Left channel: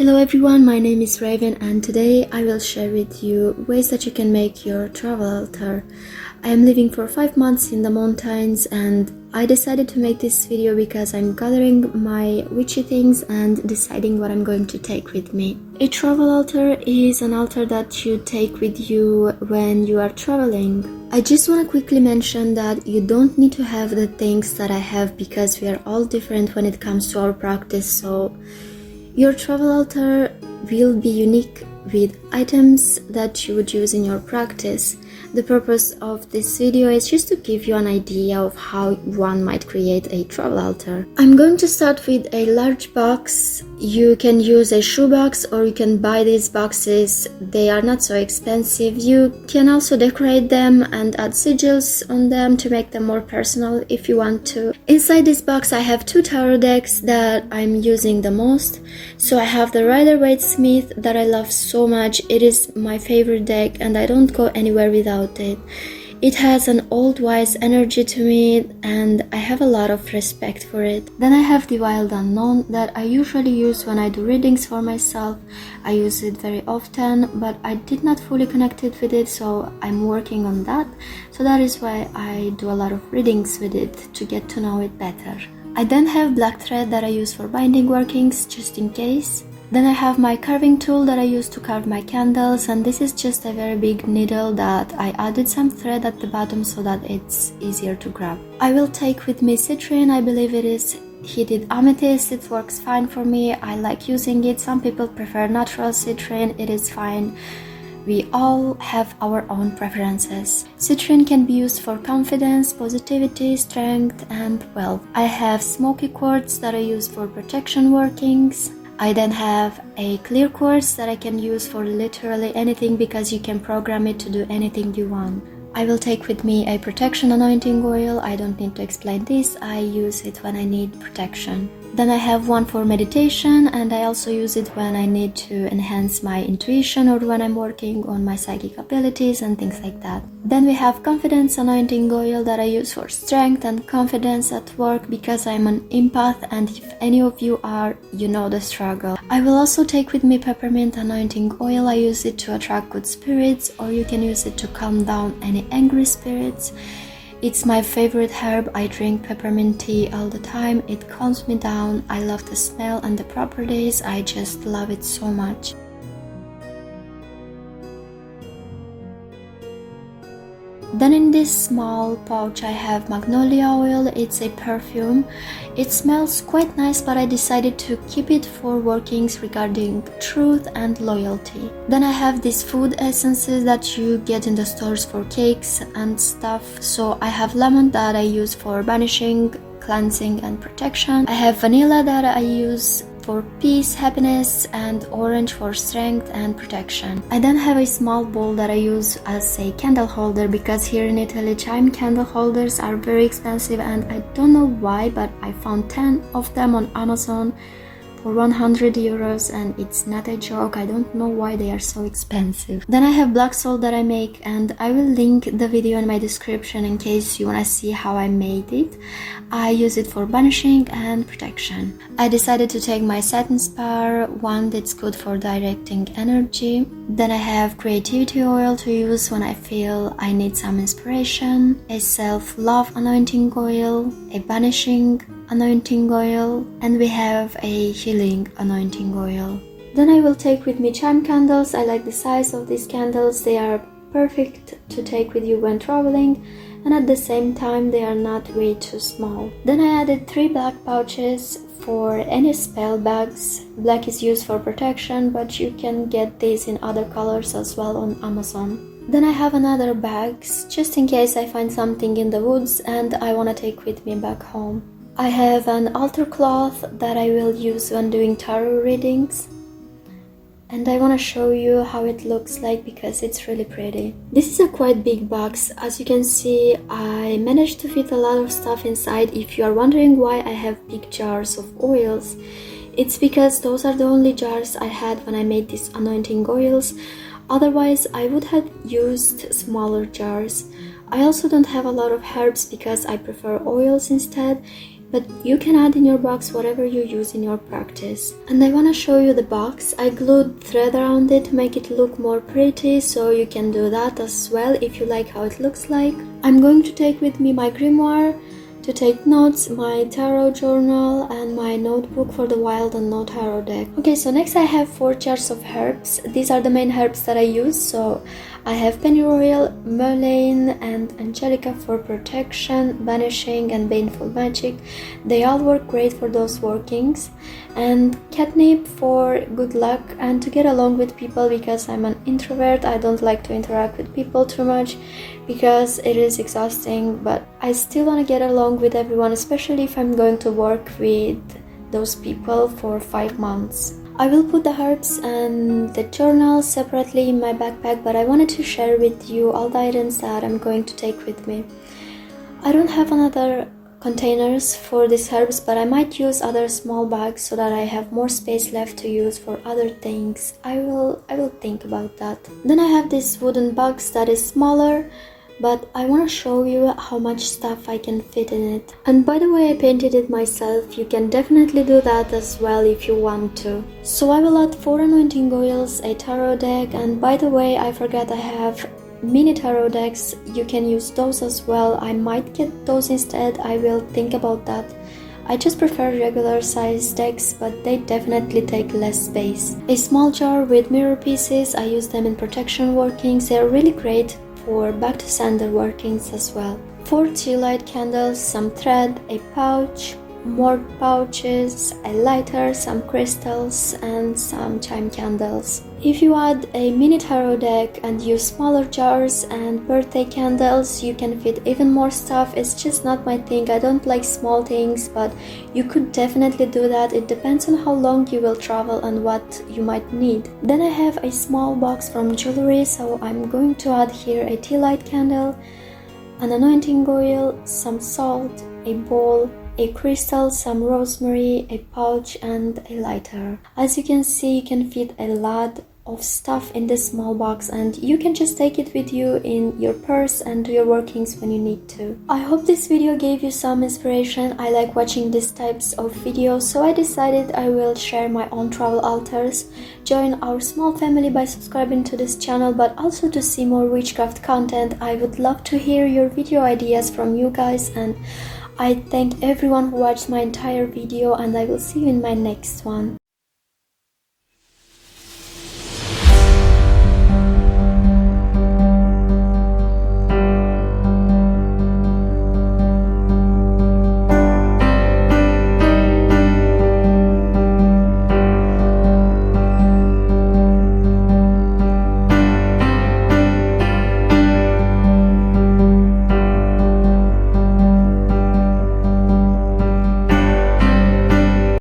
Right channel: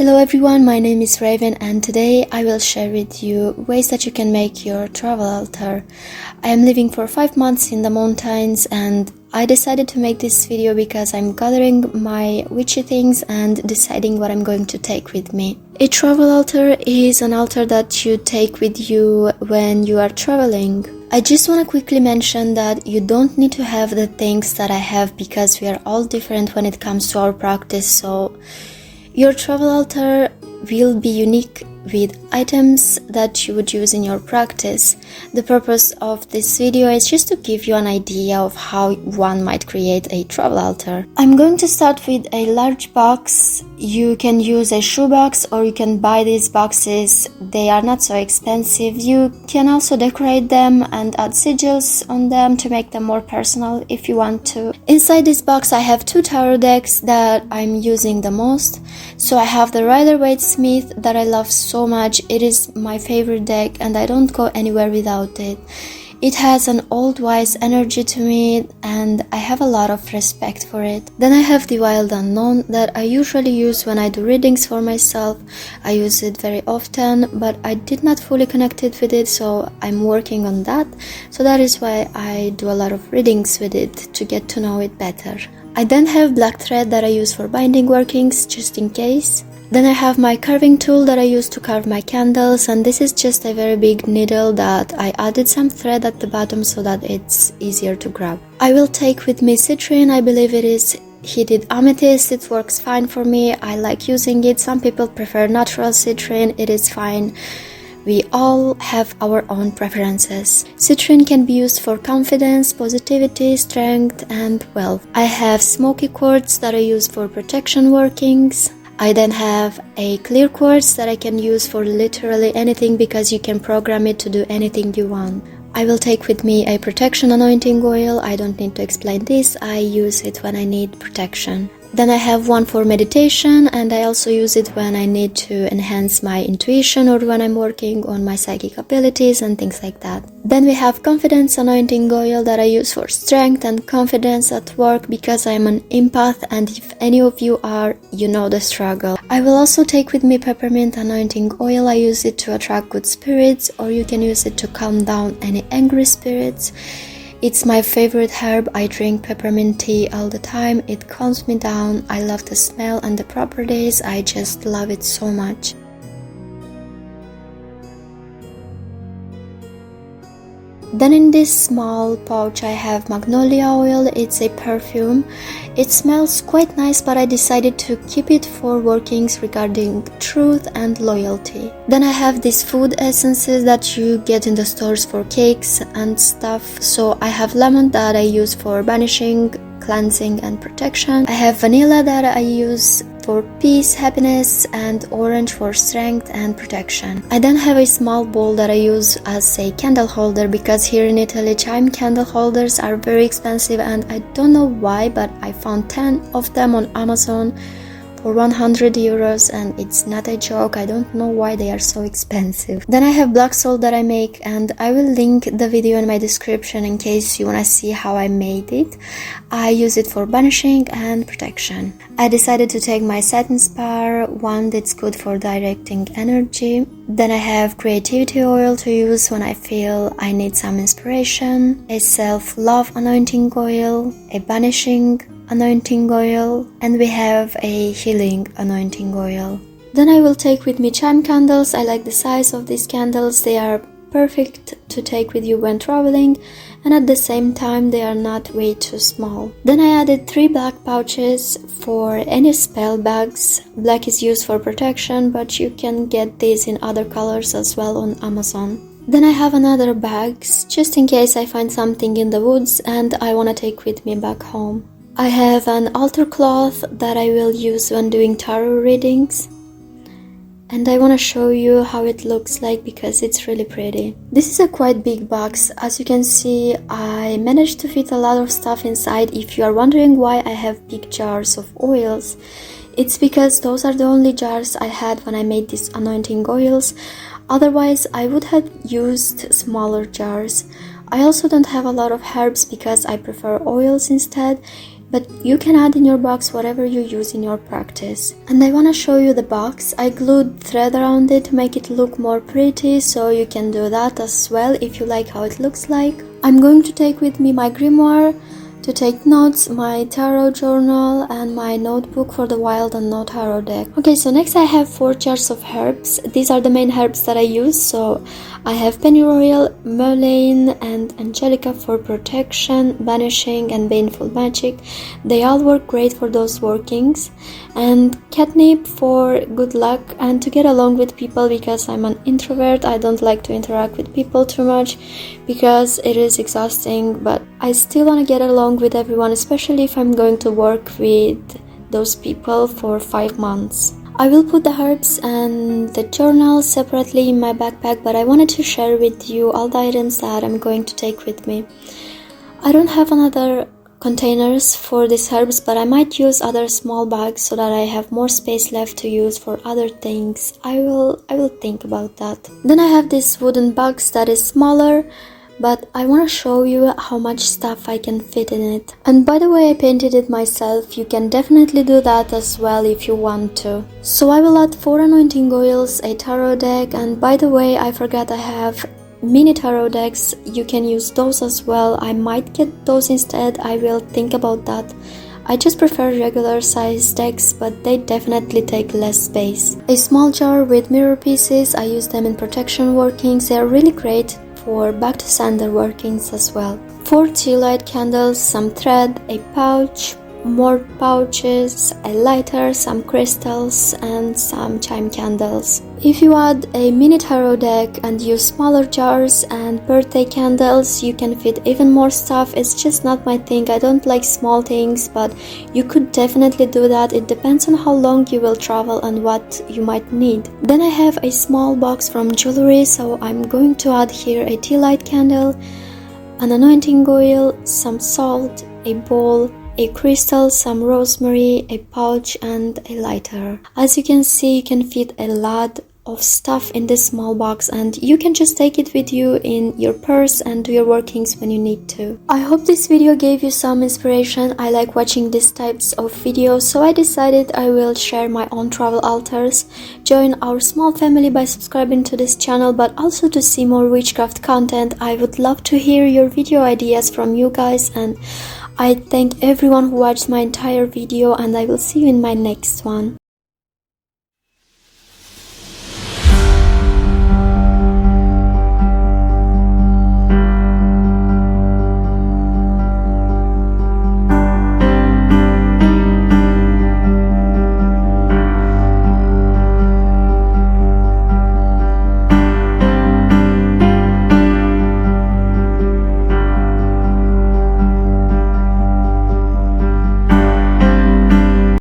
Hello everyone, my name is Raven and today I will share with you ways that you can make your travel altar. I am living for 5 months in the mountains and I decided to make this video because I'm gathering my witchy things and deciding what I'm going to take with me. A travel altar is an altar that you take with you when you are traveling. I just want to quickly mention that you don't need to have the things that I have because we are all different when it comes to our practice, so your travel altar will be unique with items that you would use in your practice. The purpose of this video is just to give you an idea of how one might create a travel altar. I'm going to start with a large box. You can use a shoebox or you can buy these boxes. They are not so expensive. You can also decorate them and add sigils on them to make them more personal if you want to. Inside this box I have 2 tarot decks that I'm using the most. So I have the Rider-Waite Smith that I love so much. It is my favorite deck and I don't go anywhere without it. It has an old wise energy to me and I have a lot of respect for it. Then I have the Wild Unknown that I usually use when I do readings for myself. I use it very often, but I did not fully connect it with it, so I'm working on that. So that is why I do a lot of readings with it to get to know it better. I then have black thread that I use for binding workings just in case. Then I have my carving tool that I use to carve my candles, and this is just a very big needle that I added some thread at the bottom so that it's easier to grab. I will take with me citrine. I believe it is heated amethyst. It works fine for me. I like using it. Some people prefer natural citrine. It is fine. We all have our own preferences. Citrine can be used for confidence, positivity, strength, and wealth. I have smoky quartz that I use for protection workings. I then have a clear quartz that I can use for literally anything because you can program it to do anything you want. I will take with me a protection anointing oil. I don't need to explain this. I use it when I need protection. Then I have one for meditation and I also use it when I need to enhance my intuition or when I'm working on my psychic abilities and things like that. Then we have confidence anointing oil that I use for strength and confidence at work because I'm an empath, and if any of you are, you know the struggle. I will also take with me peppermint anointing oil. I use it to attract good spirits, or you can use it to calm down any angry spirits. It's my favorite herb. I drink peppermint tea all the time. It calms me down. I love the smell and the properties. I just love it so much. Then in this small pouch I have magnolia oil. It's a perfume. It smells quite nice, but I decided to keep it for workings regarding truth and loyalty. Then I have these food essences that you get in the stores for cakes and stuff. So I have lemon that I use for banishing, cleansing, and protection. I have vanilla that I use for peace, happiness, and orange for strength and protection. I then have a small bowl that I use as a candle holder because here in Italy chime candle holders are very expensive, and I don't know why, but I found 10 of them on Amazon for 100 euros and it's not a joke. I don't know why they are so expensive. Then I have black salt that I make, and I will link the video in my description in case you want to see how I made it. I use it for banishing and protection. I decided to take my satin spar, one that's good for directing energy. Then I have creativity oil to use when I feel I need some inspiration, a self-love anointing oil, a banishing anointing oil, and we have a healing anointing oil. Then I will take with me chime candles. I like the size of these candles. They are perfect to take with you when traveling, and at the same time they are not way too small. Then I added 3 black pouches for any spell bags. Black is used for protection, but you can get these in other colors as well on Amazon. Then I have another bags just in case I find something in the woods and I want to take with me back home. I have an altar cloth that I will use when doing tarot readings, and I want to show you how it looks like because it's really pretty. This is a quite big box. As you can see, I managed to fit a lot of stuff inside. If you are wondering why I have big jars of oils, it's because those are the only jars I had when I made these anointing oils. Otherwise, I would have used smaller jars. I also don't have a lot of herbs because I prefer oils instead. but you can add in your box whatever you use in your practice. And I want to show you the box. I glued thread around it to make it look more pretty, so you can do that as well if you like how it looks like. I'm going to take with me my grimoire to take notes, my tarot journal, and my notebook for the wild and no tarot deck. Okay, so next I have 4 jars of herbs. These are the main herbs that I use. So I have pennyroyal, mullein, and angelica for protection, banishing, and baneful magic. They all work great for those workings. And catnip for good luck and to get along with people, because I'm an introvert. I don't like to interact with people too much because it is exhausting, but I still want to get along with everyone, especially if I'm going to work with those people for 5 months. I will put the herbs and the journal separately in my backpack, but I wanted to share with you all the items that I'm going to take with me. I don't have another containers for these herbs, but I might use other small bags so that I have more space left to use for other things. I will think about that. Then I have this wooden box that is smaller, but I want to show you how much stuff I can fit in it. And by the way, I painted it myself. You can definitely do that as well if you want to. So I will add 4 anointing oils, a tarot deck, and by the way, I forgot I have mini tarot decks. You can use those as well. I might get those instead. I will think about that. I just prefer regular size decks, but they definitely take less space. A small jar with mirror pieces. I use them in protection workings. They are really great for back to sender workings as well. 4 tea light candles, some thread, a pouch, more pouches, a lighter, some crystals, and some chime candles. If you add a mini tarot deck and use smaller jars and birthday candles, you can fit even more stuff. It's just not my thing. I don't like small things, but you could definitely do that. It depends on how long you will travel and what you might need. Then I have a small box from jewelry, so I'm going to add here a tea light candle, an anointing oil, some salt, a bowl, a crystal, some rosemary, a pouch, and a lighter. As you can see, you can fit a lot of stuff in this small box, and you can just take it with you in your purse and do your workings when you need to. I hope this video gave you some inspiration. I like watching these types of videos, so I decided I will share my own travel altars. Join our small family by subscribing to this channel, but also to see more witchcraft content. I would love to hear your video ideas from you guys, and I thank everyone who watched my entire video, and I will see you in my next one.